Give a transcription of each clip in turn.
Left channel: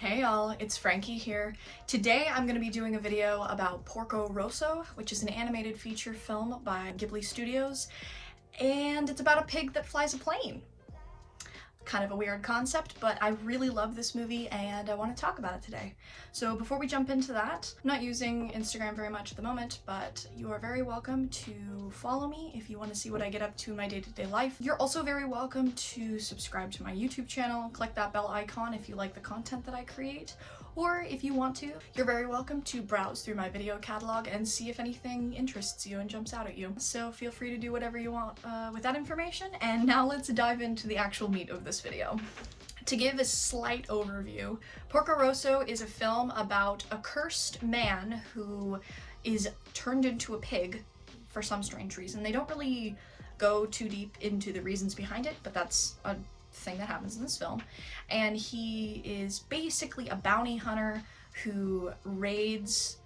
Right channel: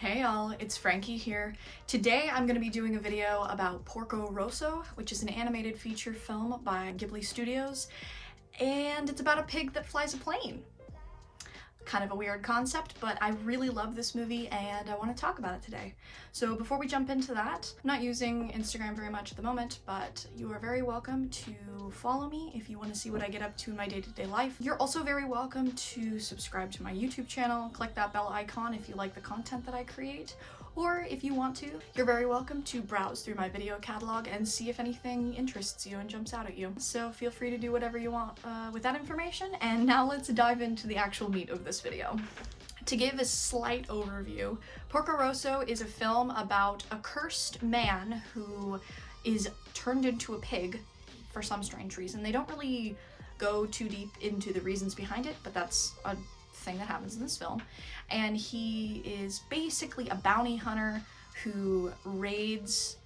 Hey y'all, it's Frankie here. Today I'm going to be doing a video about Porco Rosso, which is an animated feature film by Ghibli Studios, and it's about a pig that flies a plane. Kind of a weird concept, but I really love this movie and I want to talk about it today. So before we jump into that, I'm not using Instagram very much at the moment, but you are very welcome to follow me if you want to see what I get up to in my day-to-day life. You're also very welcome to subscribe to my YouTube channel, click that bell icon if you like the content that I create, or if you want to, you're very welcome to browse through my video catalog and see if anything interests you and jumps out at you. So feel free to do whatever you want with that information, and now let's dive into the actual meat of this video. To give a slight overview, Porco Rosso is a film about a cursed man who is turned into a pig for some strange reason. They don't really go too deep into the reasons behind it, but that's a thing that happens in this film. And he is basically a bounty hunter who raids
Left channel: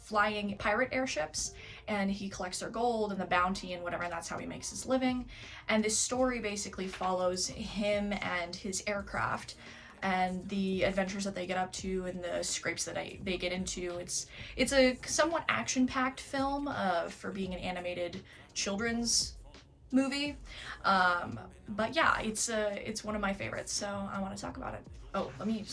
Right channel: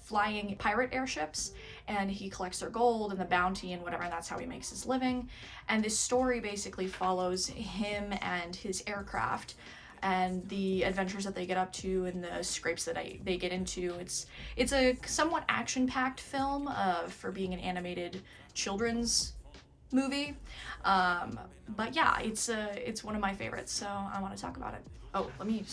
flying pirate airships, and he collects their gold and the bounty and whatever, and that's how he makes his living. And this story basically follows him and his aircraft and the adventures that they get up to and the scrapes that they get into. It's a somewhat action-packed film for being an animated children's movie, but yeah, it's one of my favorites, so I want to talk about it. Oh, let me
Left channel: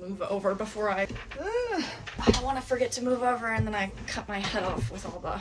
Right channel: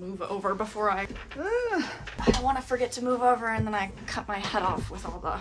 move over before I don't want to forget to move over and then I cut my head off with all the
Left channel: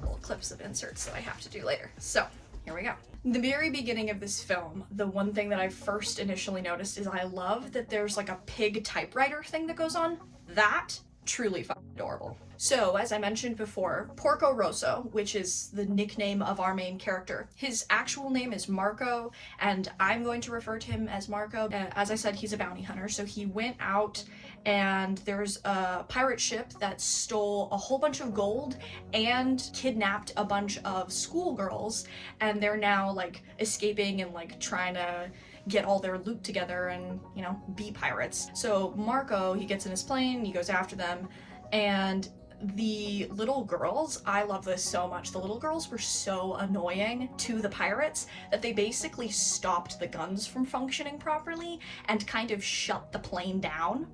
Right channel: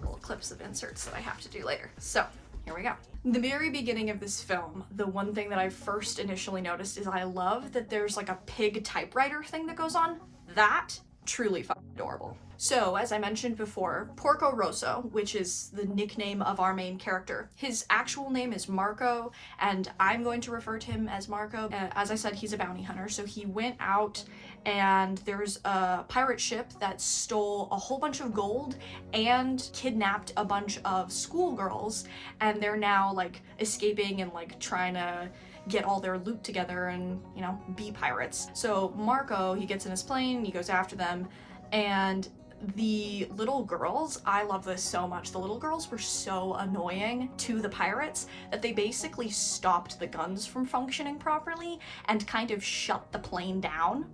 little clips of inserts that I have to do later. So here we go. The very beginning of this film, the one thing that I first initially noticed is I love that there's like a pig typewriter thing that goes on. That truly fucking adorable. So, as I mentioned before, Porco Rosso, which is the nickname of our main character, his actual name is Marco, and I'm going to refer to him as Marco. As I said, he's a bounty hunter, so he went out and there's a pirate ship that stole a whole bunch of gold and kidnapped a bunch of schoolgirls, and they're now like escaping and like trying to get all their loot together and, you know, be pirates. So Marco, he gets in his plane, he goes after them, and the little girls, I love this so much. The little girls were so annoying to the pirates that they basically stopped the guns from functioning properly and kind of shut the plane down.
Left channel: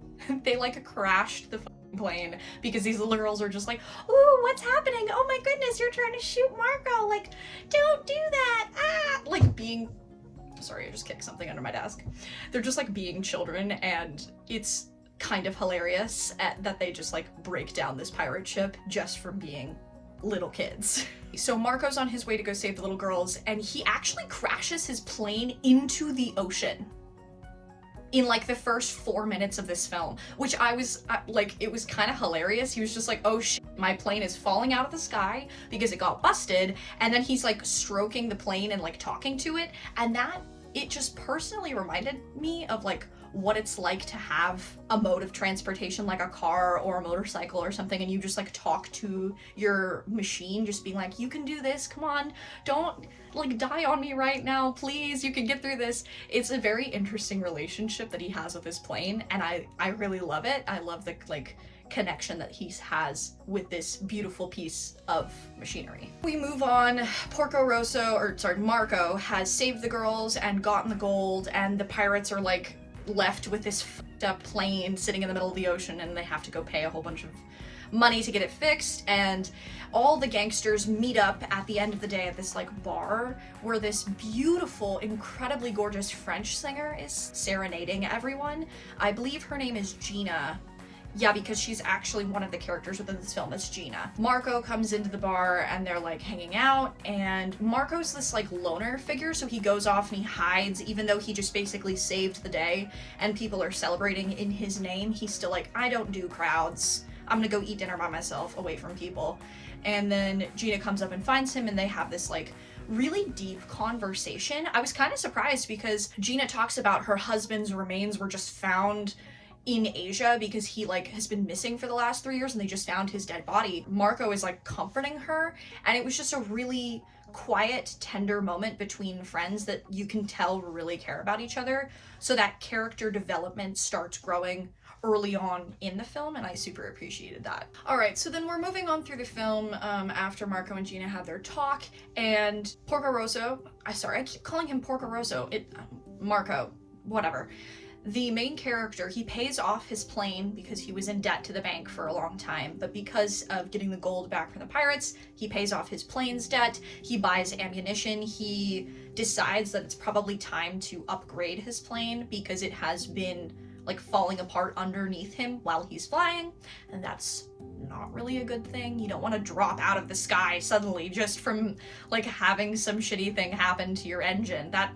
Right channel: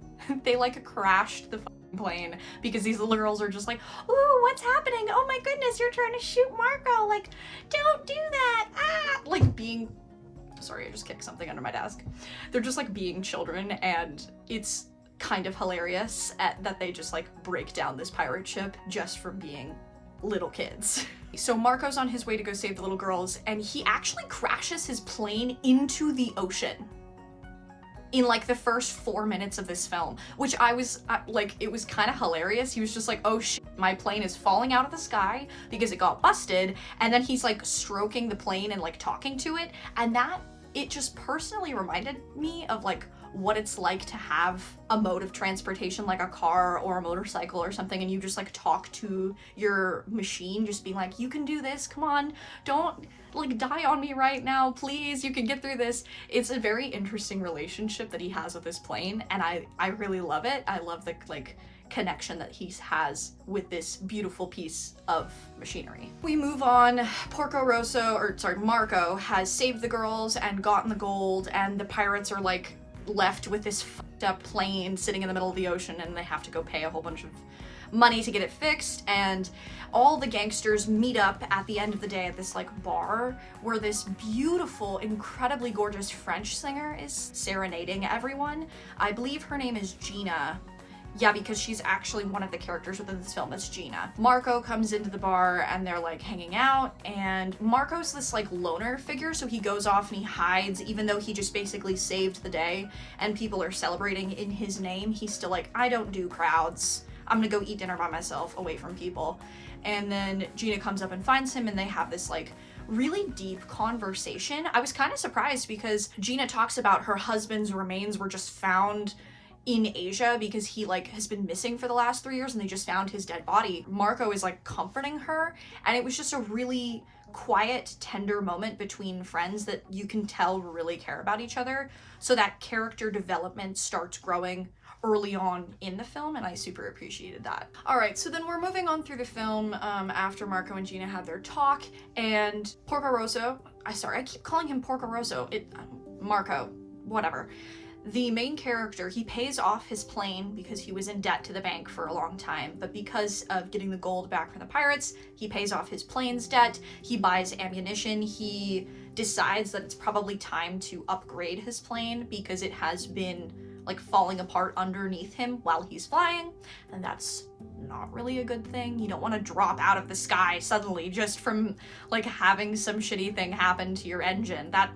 They like crashed the plane because these little girls are just like, ooh, what's happening? Oh my goodness, you're trying to shoot Marco. Like, don't do that. Ah! Like being, sorry, I just kicked something under my desk. They're just like being children, and it's kind of hilarious that they just like break down this pirate ship just for being little kids. So Marco's on his way to go save the little girls, and he actually crashes his plane into the ocean in like the first 4 minutes of this film, which I was like, it was kind of hilarious. He was just like, oh shit, my plane is falling out of the sky because it got busted, and then he's like stroking the plane and like talking to it, and it just personally reminded me of like what it's like to have a mode of transportation like a car or a motorcycle or something, and you just like talk to your machine, just being like, you can do this, come on, don't like die on me right now, please, you can get through this. It's a very interesting relationship that he has with his plane, and I really love it. I love the like connection that he has with this beautiful piece of machinery. We move on. Marco has saved the girls and gotten the gold, and the pirates are like left with this fucked up plane sitting in the middle of the ocean, and they have to go pay a whole bunch of money to get it fixed. And all the gangsters meet up at the end of the day at this like bar where this beautiful, incredibly gorgeous French singer is serenading everyone. I believe her name is Gina. Yeah, because she's actually one of the characters within this film. That's Gina. Marco comes into the bar and they're like hanging out, and Marco's this like loner figure, so he goes off and he hides, even though he just basically saved the day and people are celebrating in his name. He's still like, I don't do crowds. I'm gonna go eat dinner by myself away from people. And then Gina comes up and finds him, and they have this like really deep conversation. I was kind of surprised because Gina talks about her husband's remains were just found in Asia because he like has been missing for the last 3 years and they just found his dead body. Marco is like comforting her, and it was just a really quiet, tender moment between friends that you can tell really care about each other. So that character development starts growing early on in the film, and I super appreciated that. All right, so then we're moving on through the film after Marco and Gina have their talk, and Porco Rosso, I keep calling him Porco Rosso, Marco, whatever. the main character, he pays off his plane because he was in debt to the bank for a long time, but because of getting the gold back from the pirates, he pays off his plane's debt, he buys ammunition, he decides that it's probably time to upgrade his plane because it has been like falling apart underneath him while he's flying, and that's not really a good thing. You don't want to drop out of the sky suddenly just from like having some shitty thing happen to your engine. That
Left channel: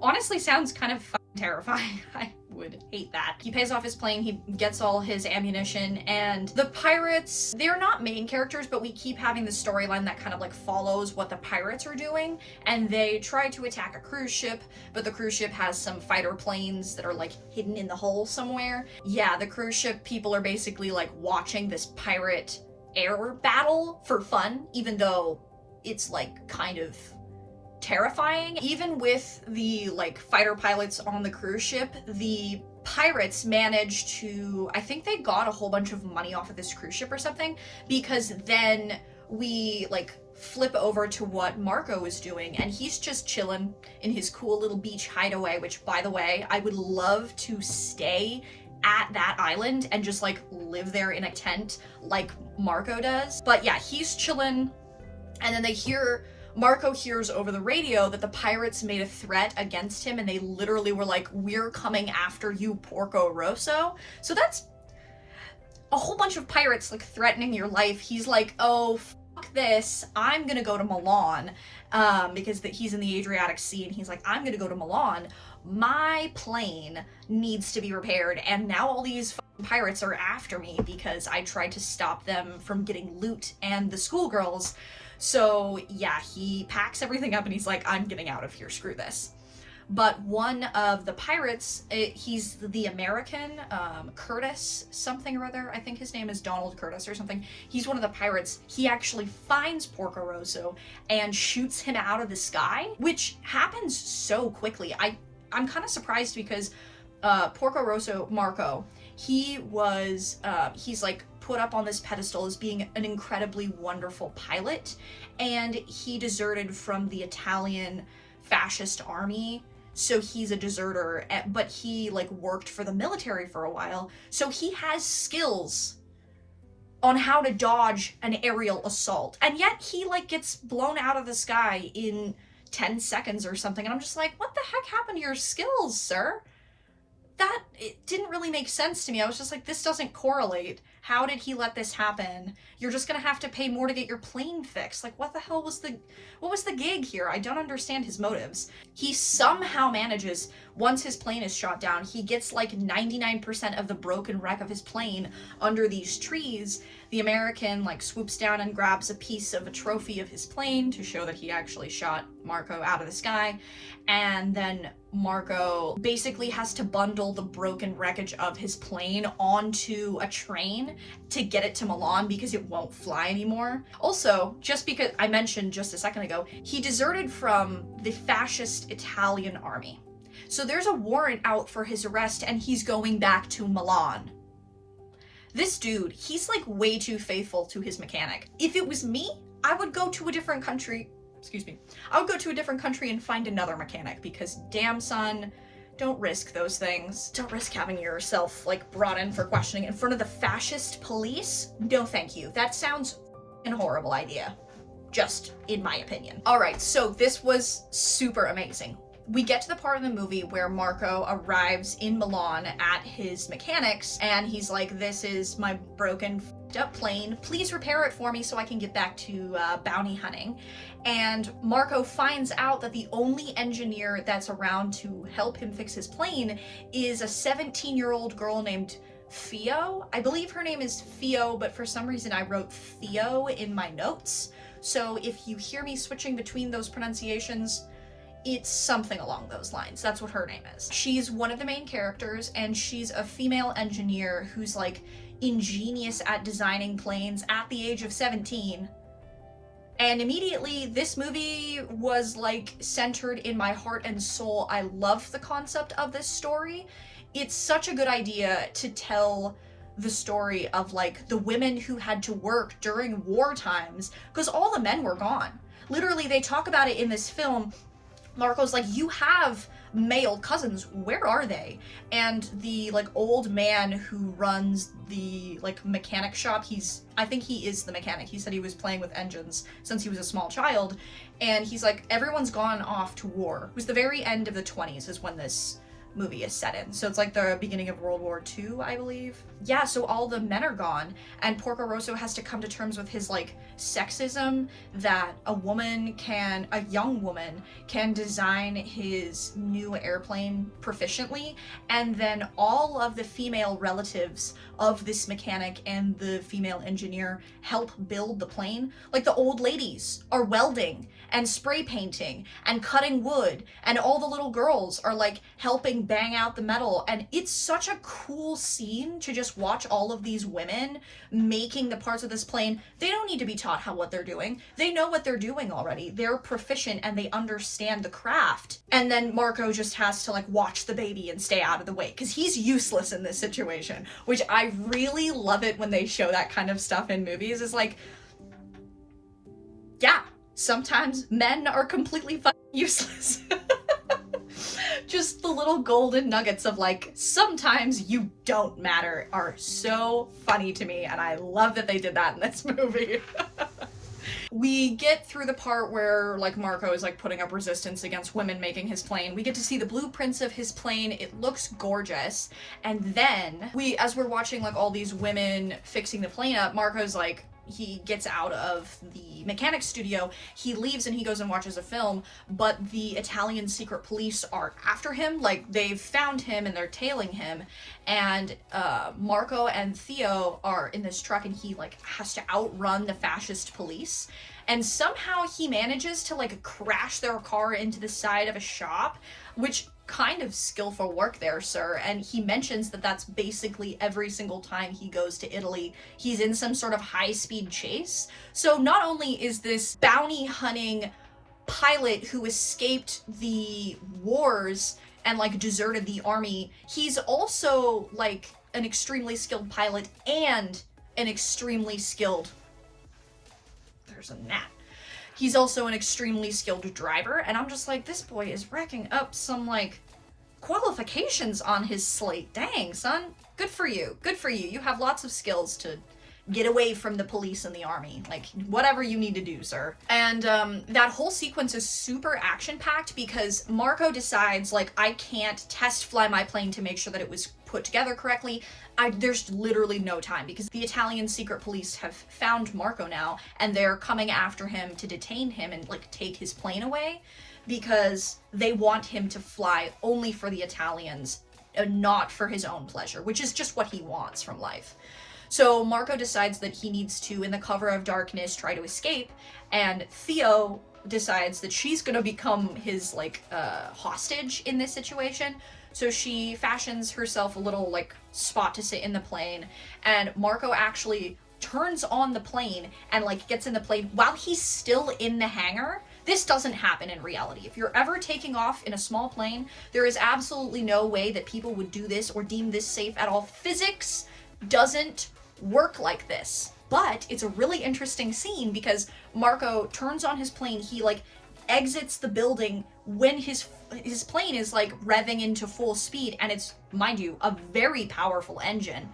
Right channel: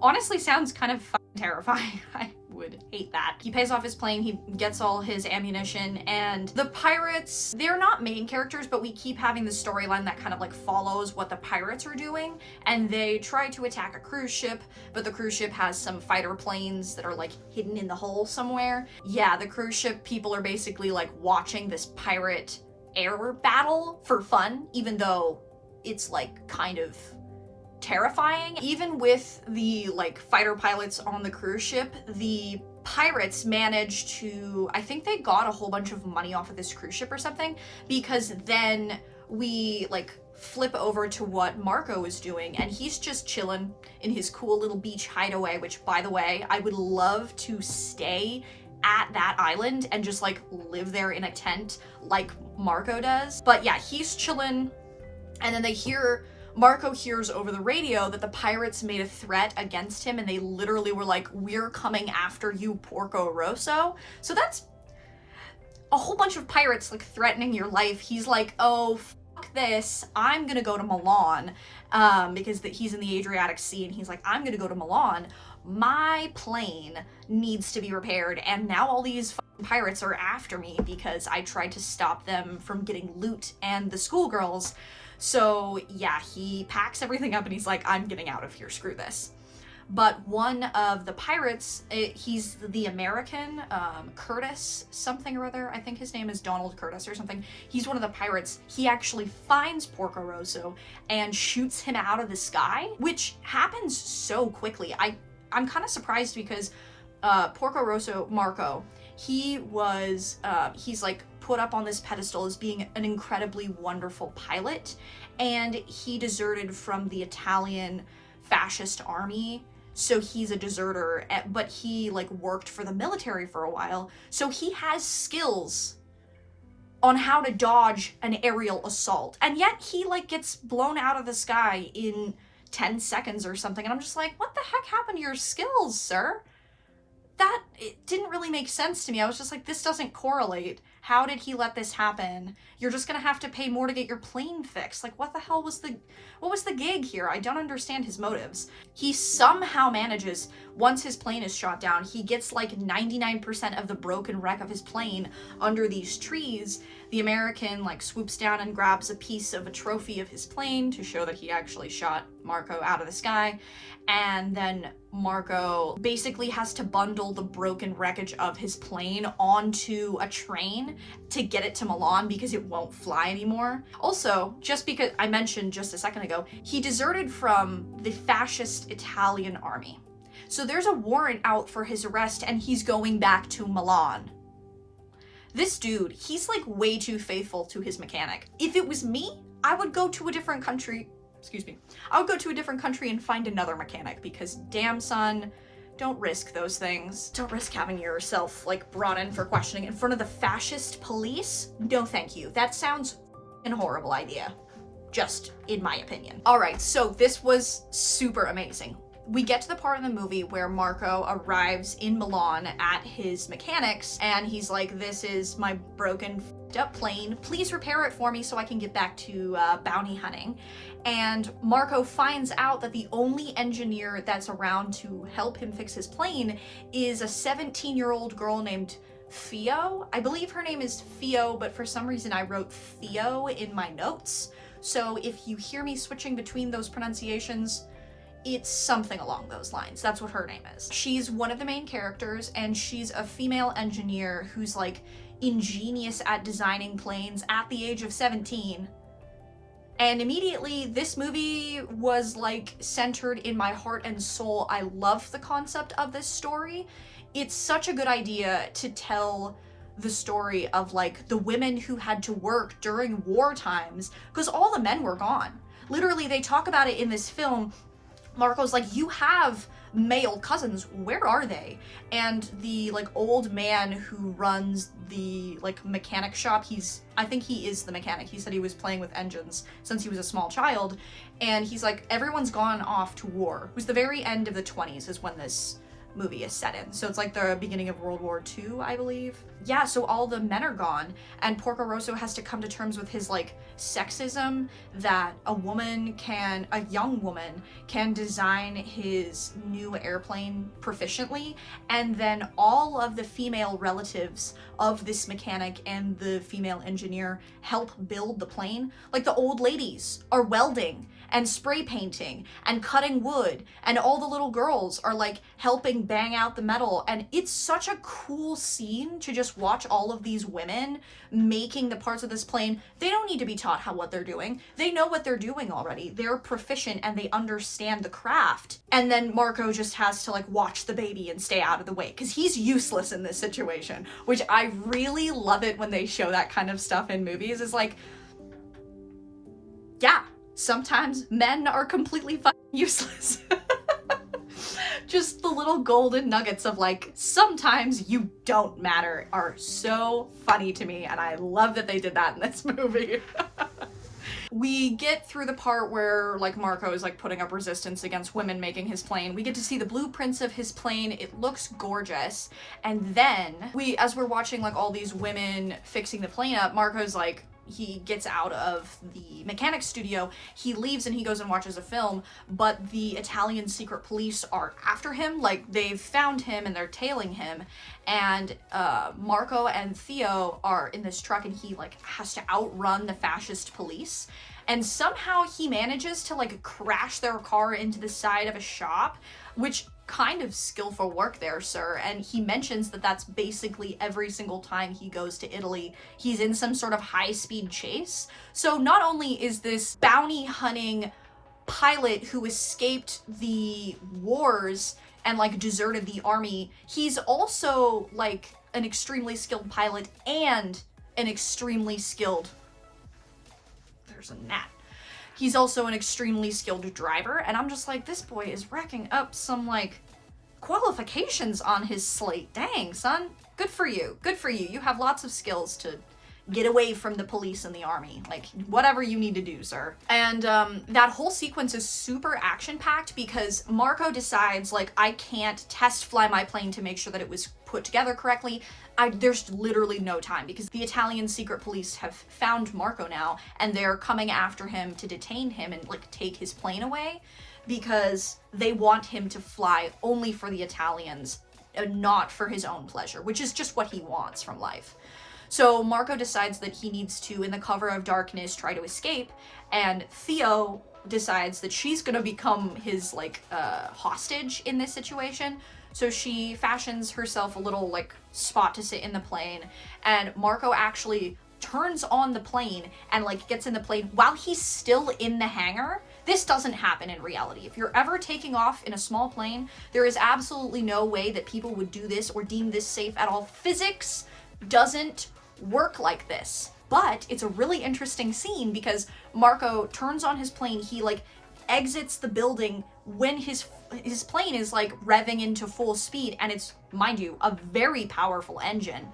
honestly sounds kind of terrifying. I would hate that. He pays off his plane, he gets all his ammunition, and the pirates, they're not main characters, but we keep having the storyline that kind of like follows what the pirates are doing, and they try to attack a cruise ship, but the cruise ship has some fighter planes that are like hidden in the hull somewhere. Yeah, the cruise ship people are basically like watching this pirate air battle for fun, even though it's like kind of terrifying. Even with the like fighter pilots on the cruise ship, the pirates managed to, I think they got a whole bunch of money off of this cruise ship or something, because then we like flip over to what Marco is doing, and he's just chilling in his cool little beach hideaway, which, by the way, I would love to stay at that island and just like live there in a tent like Marco does. But yeah, he's chilling, and then Marco hears over the radio that the pirates made a threat against him, and they literally were like, "We're coming after you, Porco Rosso." So that's a whole bunch of pirates like threatening your life. He's like, "Oh, fuck this. I'm gonna go to Milan," because he's in the Adriatic Sea, and he's like, "I'm gonna go to Milan. My plane needs to be repaired, and now all these pirates are after me because I tried to stop them from getting loot and the schoolgirls." So yeah, he packs everything up and he's like, "I'm getting out of here, screw this." But one of the pirates, he's the American, Curtis something or other, I think his name is Donald Curtis or something. He's one of the pirates. He actually finds Porco Rosso and shoots him out of the sky, which happens so quickly. I'm kind of surprised because Porco Rosso, Marco, he's like put up on this pedestal as being an incredibly wonderful pilot, and he deserted from the Italian fascist army, so he's a deserter, but he like worked for the military for a while, so he has skills on how to dodge an aerial assault, and yet he like gets blown out of the sky in 10 seconds or something, and I'm just like, what the heck happened to your skills, sir? It didn't really make sense to me. I was just like, this doesn't correlate. How did he let this happen? You're just gonna have to pay more to get your plane fixed. Like, what the hell was what was the gig here? I don't understand his motives. He somehow manages, once his plane is shot down, he gets like 99% of the broken wreck of his plane under these trees. The American like swoops down and grabs a piece of a trophy of his plane to show that he actually shot Marco out of the sky. And then Marco basically has to bundle the broken wreckage of his plane onto a train to get it to Milan because it won't fly anymore. Also, just because I mentioned just a second ago, he deserted from the fascist Italian army. So there's a warrant out for his arrest and he's going back to Milan. This dude, he's like way too faithful to his mechanic. If it was me, I would go to a different country. I would go to a different country and find another mechanic because damn son, don't risk those things. Don't risk having yourself like brought in for questioning in front of the fascist police. No thank you. That sounds a horrible idea, just in my opinion. All right, so this was super amazing. We get to the part in the movie where Marco arrives in Milan at his mechanic's and he's like, "This is my broken up plane. Please repair it for me so I can get back to bounty hunting." And Marco finds out that the only engineer that's around to help him fix his plane is a 17-year-old girl named Theo. I believe her name is Theo, but for some reason I wrote Theo in my notes. So if you hear me switching between those pronunciations, it's something along those lines. That's what her name is. She's one of the main characters, and she's a female engineer who's like ingenious at designing planes at the age of 17. And immediately this movie was like centered in my heart and soul. I love the concept of this story. It's such a good idea to tell the story of like the women who had to work during war times because all the men were gone. Literally, they talk about it in this film. Marco's like, "You have male cousins, where are they? And the like old man who runs the like mechanic shop, I think he is the mechanic. He said he was playing with engines since he was a small child. And he's like, everyone's gone off to war. It was the very end of the 20s is when this movie is set in. So it's like the beginning of World War II, I believe. Yeah, so all the men are gone, and Porco Rosso has to come to terms with his like sexism that a young woman can design his new airplane proficiently, and then all of the female relatives of this mechanic and the female engineer help build the plane. Like the old ladies are welding and spray painting and cutting wood, and all the little girls are like helping bang out the metal. And it's such a cool scene to just watch all of these women making the parts of this plane. They don't need to be taught what they're doing. They know what they're doing already. They're proficient and they understand the craft. And then Marco just has to like watch the baby and stay out of the way because he's useless in this situation, which I really love it when they show that kind of stuff in movies. Is like, yeah, sometimes men are completely useless. Just the little golden nuggets of like, sometimes you don't matter are so funny to me, and I love that they did that in this movie. We get through the part where like Marco is like putting up resistance against women making his plane. We get to see the blueprints of his plane. It looks gorgeous. And then as we're watching like all these women fixing the plane up, Marco's like, he gets out of the mechanics studio, he leaves and he goes and watches a film, but the Italian secret police are after him. Like, they've found him and they're tailing him, and Marco and Theo are in this truck, and he like has to outrun the fascist police, and somehow he manages to like crash their car into the side of a shop, which kind of skillful work there, sir. And he mentions that that's basically every single time he goes to Italy, he's in some sort of high-speed chase. So not only is this bounty hunting pilot who escaped the wars and like deserted the army, he's also like an extremely skilled pilot and an extremely skilled, there's a gnat. He's also an extremely skilled driver, and I'm just like, this boy is racking up some, like, qualifications on his slate. Dang, son. Good for you. Good for you. You have lots of skills to get away from the police and the army. Like, whatever you need to do, sir. And that whole sequence is super action-packed because Marco decides, like, I can't test fly my plane to make sure that it was put together correctly. There's literally no time because the Italian secret police have found Marco now, and they're coming after him to detain him and like take his plane away because they want him to fly only for the Italians and not for his own pleasure, which is just what he wants from life. So Marco decides that he needs to, in the cover of darkness, try to escape, and Theo decides that she's gonna become his like hostage in this situation. So she fashions herself a little like spot to sit in the plane, and Marco actually turns on the plane and like gets in the plane while he's still in the hangar. This doesn't happen in reality. If you're ever taking off in a small plane, there is absolutely no way that people would do this or deem this safe at all. Physics doesn't work like this. But it's a really interesting scene because Marco turns on his plane, he like exits the building when his plane is like revving into full speed, and it's, mind you, a very powerful engine.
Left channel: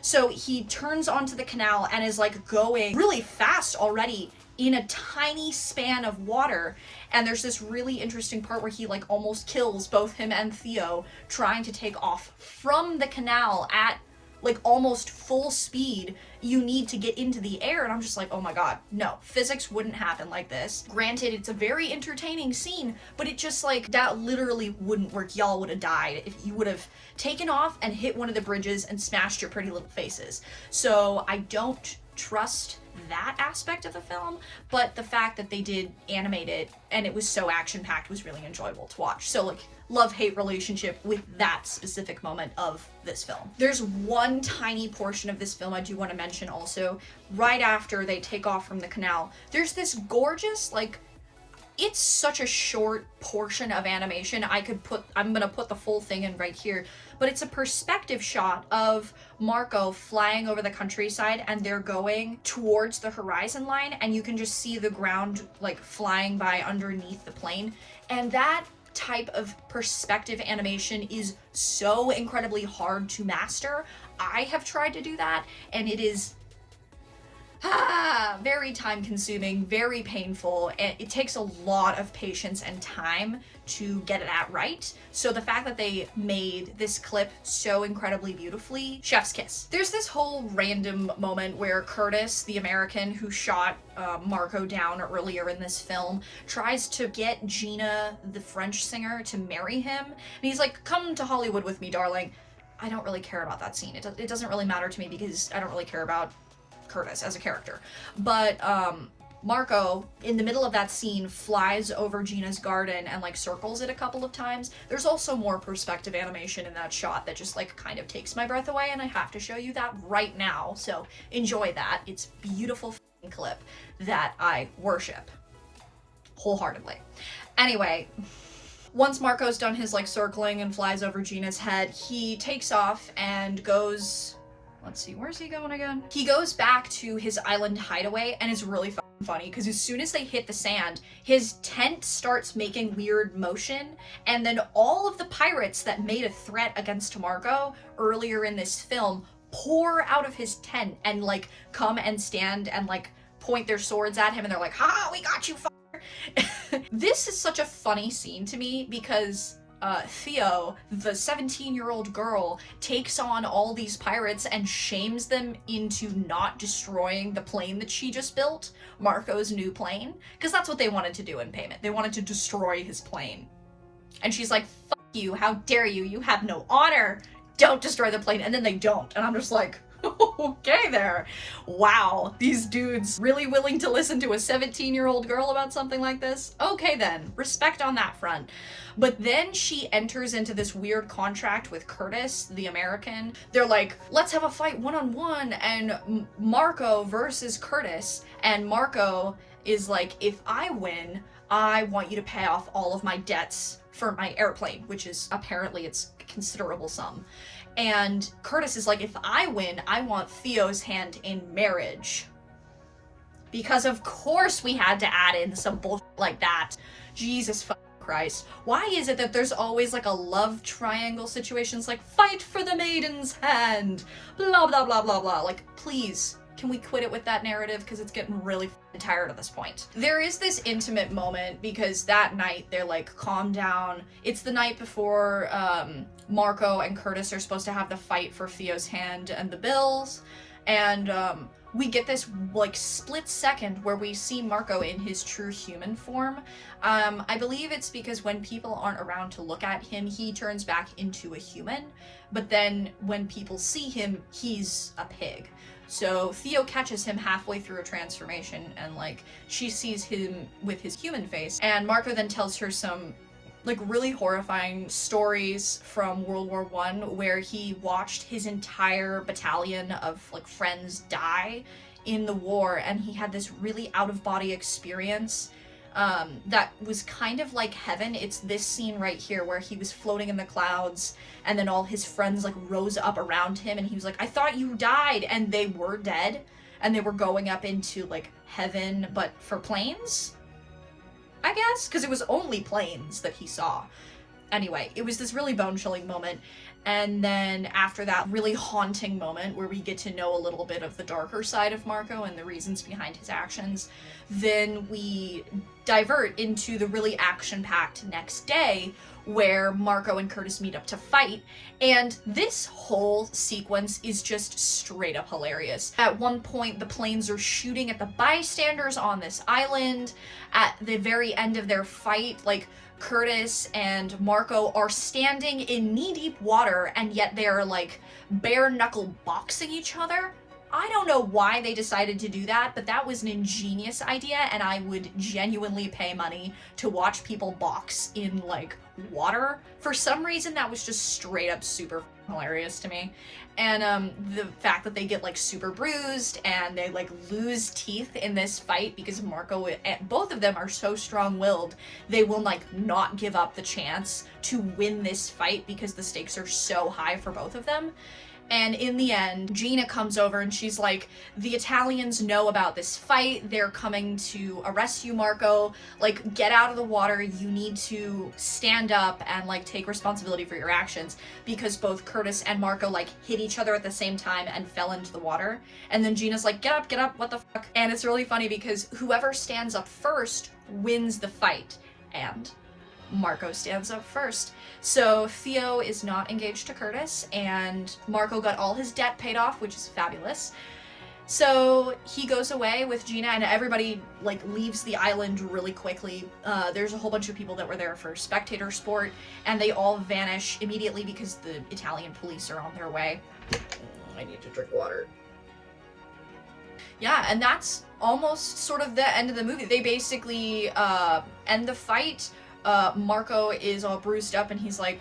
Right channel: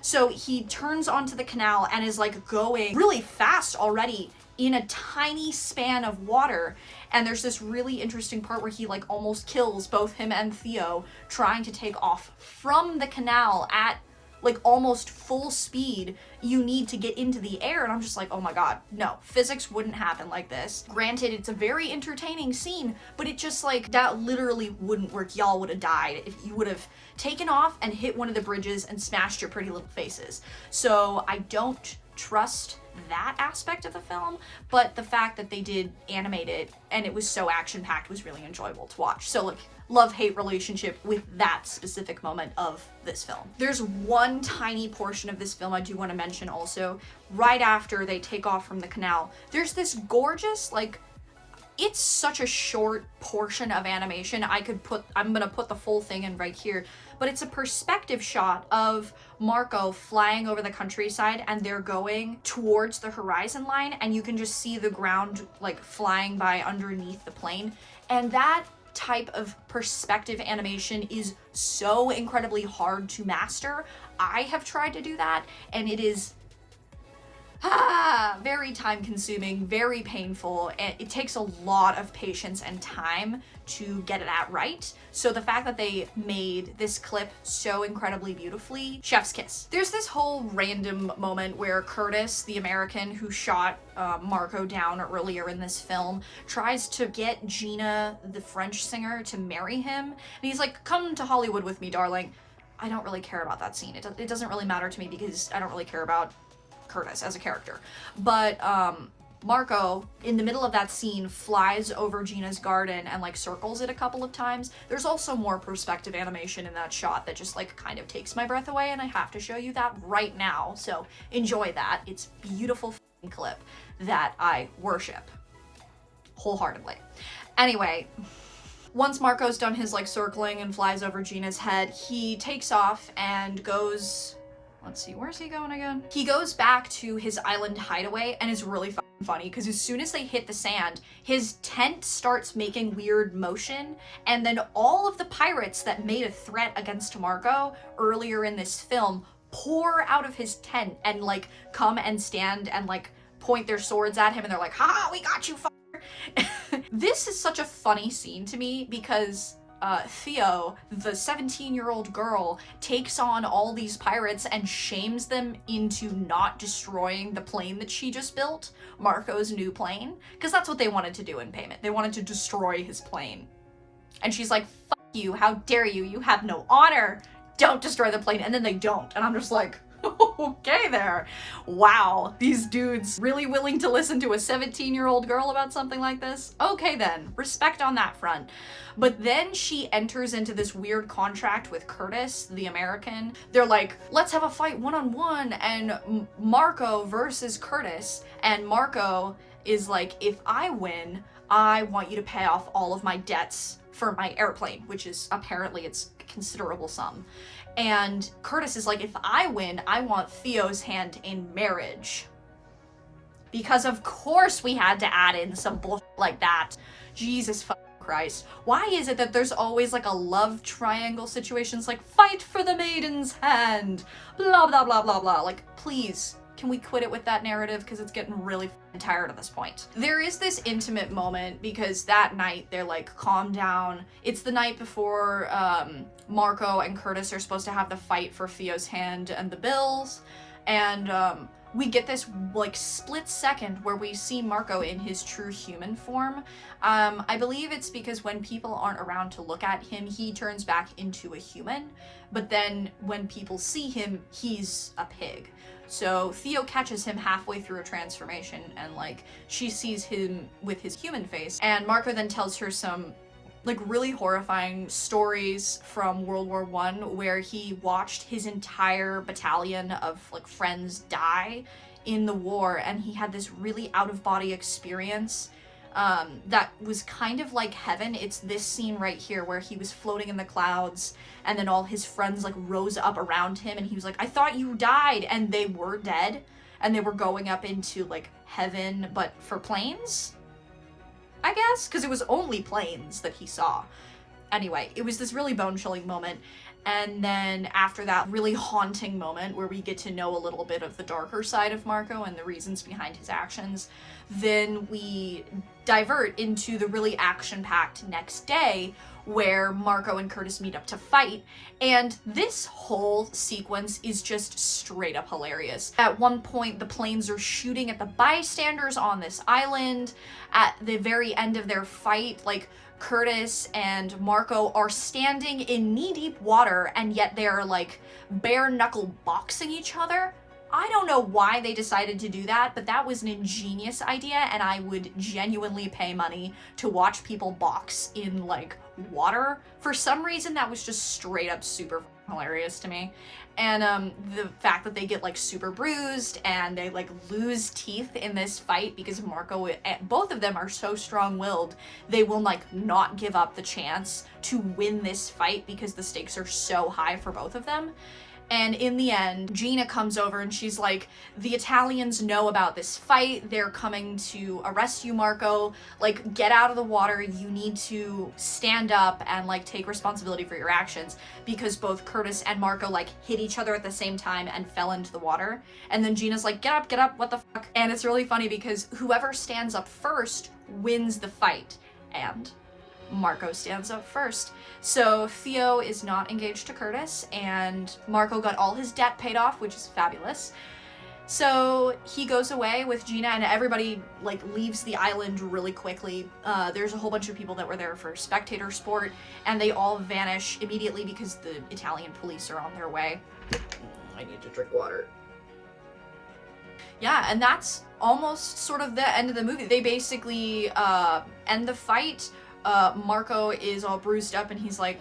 So he turns onto the canal and is like going really fast already in a tiny span of water. And there's this really interesting part where he like almost kills both him and Theo trying to take off from the canal at like almost full speed. You need to get into the air, and I'm just like, oh my god, no, physics wouldn't happen like this. Granted, it's a very entertaining scene, but it just like, that literally wouldn't work. Y'all would have died if you would have taken off and hit one of the bridges and smashed your pretty little faces. So I don't trust that aspect of the film, but the fact that they did animate it and it was so action-packed was really enjoyable to watch. So like, love-hate relationship with that specific moment of this film. There's one tiny portion of this film I do want to mention also. Right after they take off from the canal, there's this gorgeous, like, it's such a short portion of animation. I'm gonna put the full thing in right here, but it's a perspective shot of Marco flying over the countryside, and they're going towards the horizon line, and you can just see the ground like flying by underneath the plane. And that type of perspective animation is so incredibly hard to master. I have tried to do that, and it is very time consuming, very painful, and it takes a lot of patience and time to get that right. So the fact that they made this clip so incredibly beautifully, chef's kiss. There's this whole random moment where Curtis, the American who shot Marco down earlier in this film, tries to get Gina, the French singer, to marry him. And he's like, come to Hollywood with me, darling. I don't really care about that scene. It doesn't really matter to me because I don't really care about Curtis as a character. But Marco, in the middle of that scene, flies over Gina's garden and like circles it a couple of times. There's also more perspective animation in that shot that just like kind of takes my breath away, and I have to show you that right now, so enjoy that. It's a beautiful clip that I worship wholeheartedly. Anyway, once Marco's done his like circling and flies over Gina's head, he takes off and goes, let's see, where's he going again? He goes back to his island hideaway, and it's really funny because as soon as they hit the sand, his tent starts making weird motion, and then all of the pirates that made a threat against Marco earlier in this film pour out of his tent and like come and stand and like point their swords at him, and they're like, ha, we got you, fucker. This is such a funny scene to me because Theo, the 17-year-old girl, takes on all these pirates and shames them into not destroying the plane that she just built, Marco's new plane, because that's what they wanted to do in payment. They wanted to destroy his plane. And she's like, fuck you, how dare you, you have no honor, don't destroy the plane, and then they don't, and I'm just like, okay there. Wow, these dudes really willing to listen to a 17-year-old girl about something like this? Okay then, respect on that front. But then she enters into this weird contract with Curtis, the American. They're like, let's have a fight one-on-one, and Marco versus Curtis. And Marco is like, if I win, I want you to pay off all of my debts for my airplane, which is apparently it's a considerable sum. And Curtis is like, if I win, I want Theo's hand in marriage. Because of course we had to add in some bullshit like that. Jesus Christ. Why is it that there's always like a love triangle situations like fight for the maiden's hand, blah, blah, blah, blah, blah. Like, please, can we quit it with that narrative? Because it's getting really tired at this point. There is this intimate moment because that night they're like, calm down. It's the night before Marco and Curtis are supposed to have the fight for Theo's hand and the bills. And we get this like split second where we see Marco in his true human form. I believe it's because when people aren't around to look at him, he turns back into a human. But then when people see him, he's a pig. So Theo catches him halfway through a transformation, and like she sees him with his human face, and Marco then tells her some like really horrifying stories from World War I where he watched his entire battalion of like friends die in the war, and he had this really out-of-body experience that was kind of like heaven. It's this scene right here where he was floating in the clouds, and then all his friends like rose up around him, and he was like, I thought you died, and they were dead, and they were going up into like heaven, but for planes, I guess, because it was only planes that he saw. Anyway, it was this really bone-chilling moment. And then after that really haunting moment where we get to know a little bit of the darker side of Marco and the reasons behind his actions, then we divert into the really action-packed next day where Marco and Curtis meet up to fight. And this whole sequence is just straight up hilarious. At one point, the planes are shooting at the bystanders on this island. At the very end of their fight, like, Curtis and Marco are standing in knee-deep water, and yet they're like bare-knuckle boxing each other. I don't know why they decided to do that, but that was an ingenious idea, and I would genuinely pay money to watch people box in like water. For some reason, that was just straight up super hilarious to me. And the fact that they get like super bruised and they like lose teeth in this fight because Marco and both of them are so strong-willed, they will like not give up the chance to win this fight because the stakes are so high for both of them. And in the end, Gina comes over and she's like, the Italians know about this fight. They're coming to arrest you, Marco. Like, get out of the water. You need to stand up and like take responsibility for your actions, because both Curtis and Marco like hit each other at the same time and fell into the water. And then Gina's like, get up, what the fuck? And it's really funny because whoever stands up first wins the fight. And Marco stands up first. So Theo is not engaged to Curtis, and Marco got all his debt paid off, which is fabulous. So he goes away with Gina, and everybody like leaves the island really quickly. There's a whole bunch of people that were there for spectator sport, and they all vanish immediately because the Italian police are on their way. I need to drink water. Yeah, and that's almost sort of the end of the movie. They basically end the fight. Marco is all bruised up and he's like,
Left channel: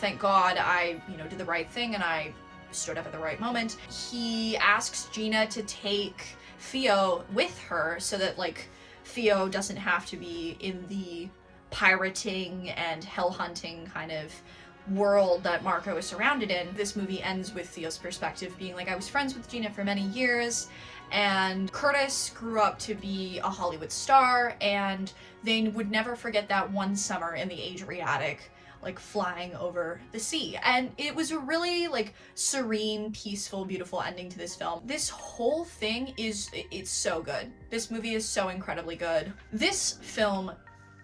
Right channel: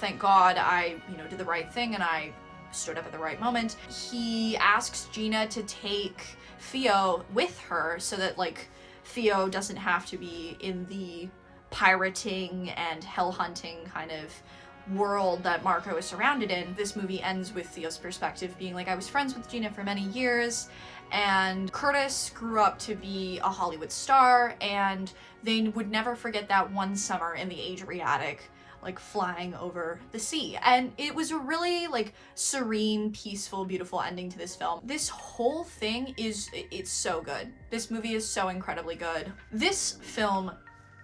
thank God I, did the right thing and I stood up at the right moment. He asks Gina to take Theo with her so that like Theo doesn't have to be in the pirating and hell hunting kind of world that Marco is surrounded in. This movie ends with Theo's perspective being like, I was friends with Gina for many years, and Curtis grew up to be a Hollywood star, and they would never forget that one summer in the Adriatic, like flying over the sea. And it was a really like serene, peaceful, beautiful ending to this film. This whole thing it's so good. This movie is so incredibly good. This film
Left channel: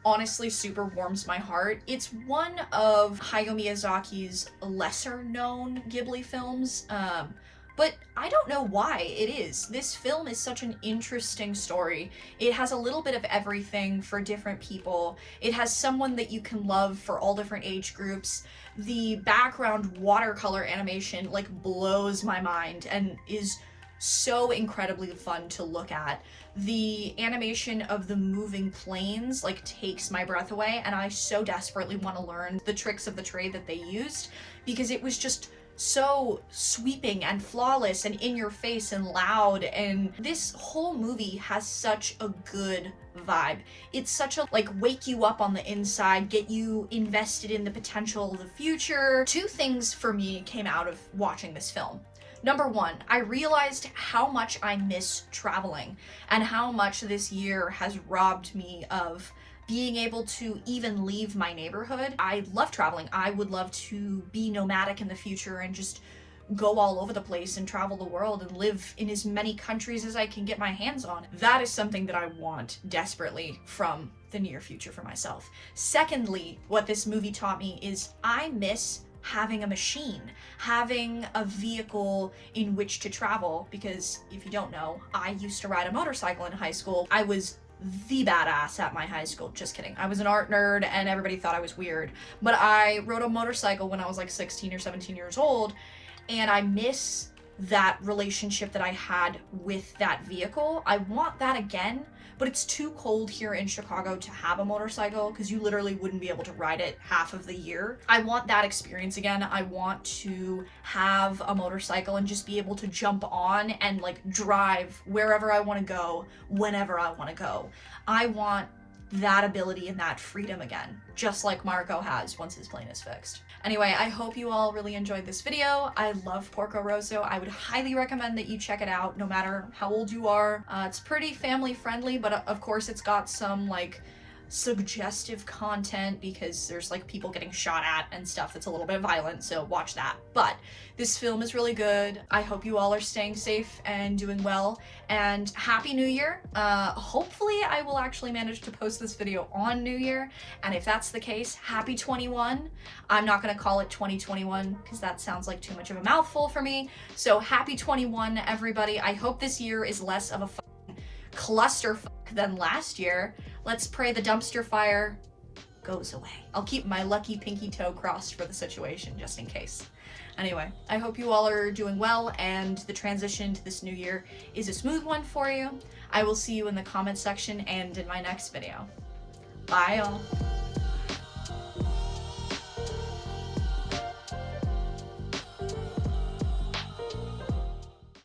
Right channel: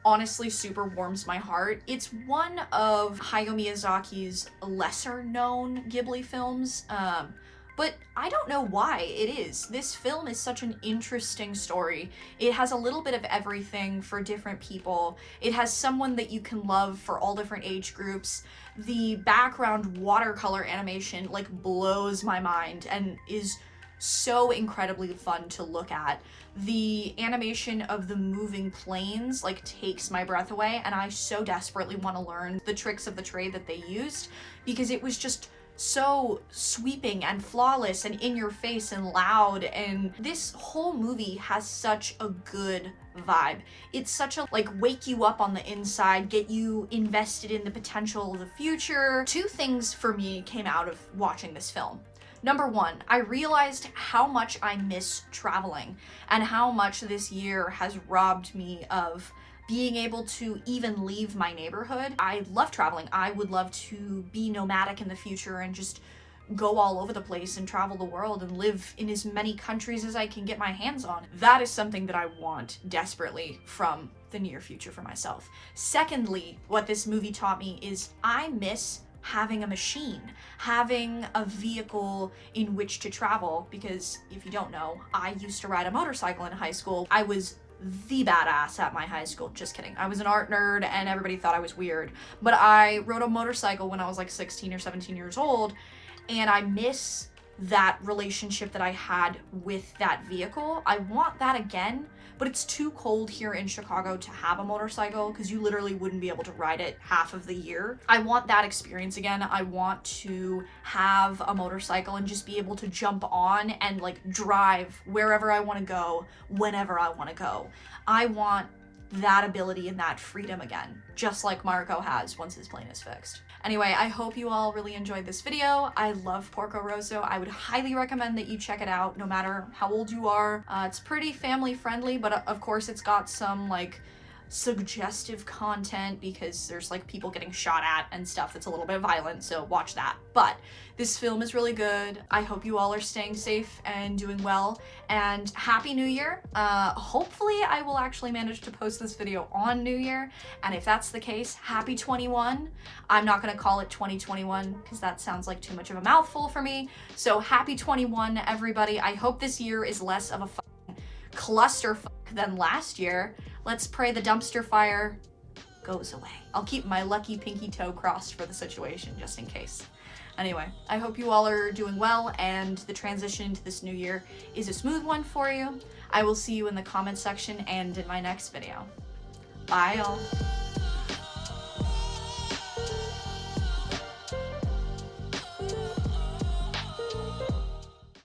honestly super warms my heart. It's one of Hayao Miyazaki's lesser known Ghibli films, but I don't know why it is. This film is such an interesting story. It has a little bit of everything for different people. It has someone that you can love for all different age groups. The background watercolor animation like blows my mind and is so incredibly fun to look at. The animation of the moving planes like takes my breath away, and I so desperately want to learn the tricks of the trade that they used, because it was just so sweeping and flawless and in your face and loud, and this whole movie has such a good vibe. It's such a like wake you up on the inside, get you invested in the potential of the future. Two things for me came out of watching this film. Number one, I realized how much I miss traveling and how much this year has robbed me of being able to even leave my neighborhood. I love traveling. I would love to be nomadic in the future and just go all over the place and travel the world and live in as many countries as I can get my hands on. That is something that I want desperately from the near future for myself. Secondly, what this movie taught me is I miss having a machine, having a vehicle in which to travel, because if you don't know, I used to ride a motorcycle in high school. I was the badass at my high school. Just kidding. I was an art nerd and everybody thought I was weird. But I rode a motorcycle when I was like 16 or 17 years old, and I miss that relationship that I had with that vehicle. I want that again, but it's too cold here in Chicago to have a motorcycle because you literally wouldn't be able to ride it half of the year. I want that experience again. I want to have a motorcycle and just be able to jump on and like drive wherever I want to go, whenever I want to go. I want that ability and that freedom again, just like Marco has once his plane is fixed. Anyway, I hope you all really enjoyed this video. I love Porco Rosso. I would highly recommend that you check it out no matter how old you are. It's pretty family friendly, but of course it's got some like suggestive content because there's like people getting shot at and stuff that's a little bit violent, so watch that. But this film is really good. I hope you all are staying safe and doing well, and Happy New Year. Hopefully I will actually manage to post this video on New Year, and if that's the case, Happy 21. I'm not gonna call it 2021 because that sounds like too much of a mouthful for me, so Happy 21, everybody. I hope this year is less of a clusterfuck than last year. Let's pray the dumpster fire goes away. I'll keep my lucky pinky toe crossed for the situation just in case. Anyway, I hope you all are doing well and the transition to this new year is a smooth one for you. I will see you in the comment section and in my next video. Bye, y'all.